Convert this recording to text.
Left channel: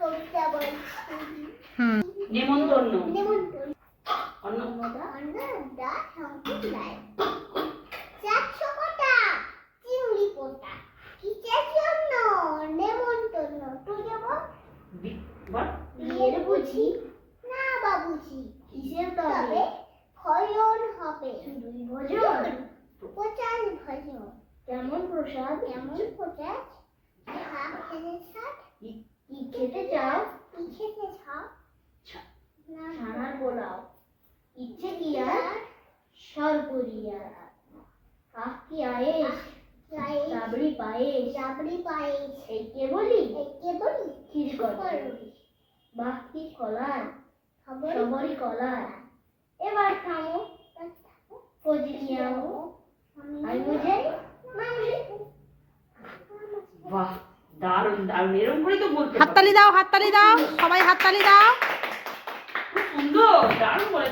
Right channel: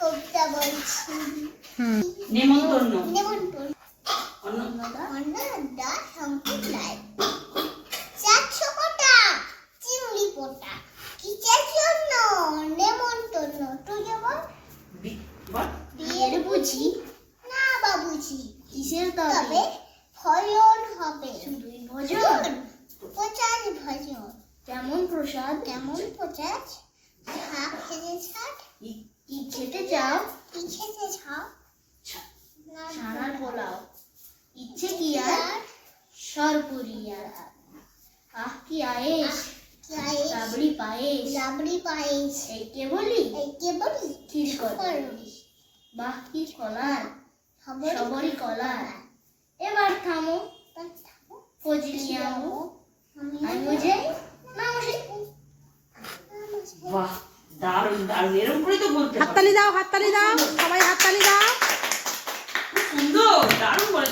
কবিতা বলছি। নেমন্তন্ন। নেমন্তন্ন। অন্নদা শঙ্কুর লাই। চারশো কোটা চিংড়ি পোটা, কিসের জন্য নেমন্তন্ন? তুই যেমন বিয়ের বুঝি না বাবুজি, কিসের তবে ভজন হবে? শুধুই ভজন, প্রচার ভজন। কেমন প্রসাদ? কেমন প্রসাদ? শাক খেতে ছাড়, কি খেতে চাও? কি খেতে চাও? ছানার পোলাও। ইচ্ছে কি আর সরপুরিয়ার হাত। আহ কি আয়েশ, রাবড়ি পায়েস, রাবড়ি পায়েস। এই কে বলি, এই কে বলি, ক্ষীর কদলি। বাহ কি কলার, সবরি কলার। এবার থামো, ফজলি আমো, আমি বুঝাই না বুঝাই। বাহ, দারুণ দারুণ, এরকম করেই তো বলতে হবে। হাততালি দাও, হাততালি দাও, সবাই হাততালি দাও। সুন্দর, দারুণ বলে।